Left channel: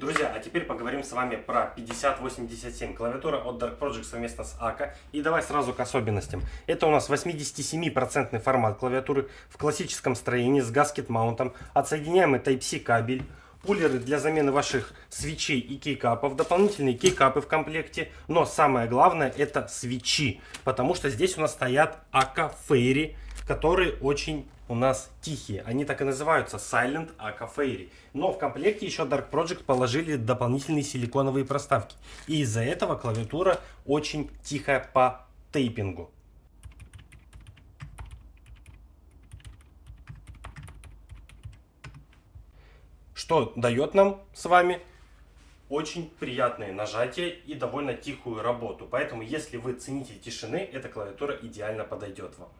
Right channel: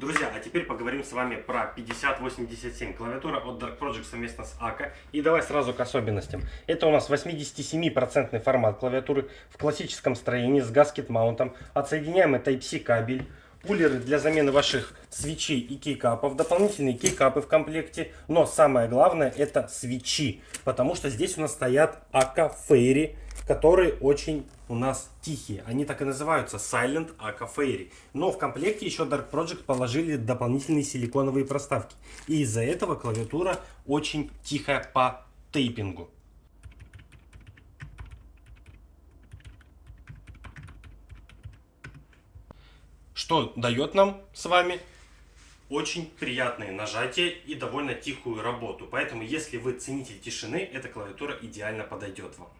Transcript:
Друзья, а теперь поговорим с вами про 5087. Клавиатура от Dark Project совместно с АКА. И давай сразу к особенностям. Это у нас 87% формат клавиатуры в классическом строении с гаскет-маунтом, отсоединяемый Type-C кабель, кулеры для замены ваших свечей и кейкапов, дополнительные кейкапы в комплекте. Но самое главное это свечи, потому что здесь у нас стоят АКА Fairy, которые очень у нас тихие. Они так и называются Silent АКА Fairy. Но в комплекте еще Dark Project положили дополнительные силиконовые проставки. И из-за этого клавиатура очень тихая по тейпингу. Что дает нам с вами очень приятные нажатия и довольно тихую работу. Поэтому, если вы ценитель тишины, эта клавиатура идеально подойдет вам.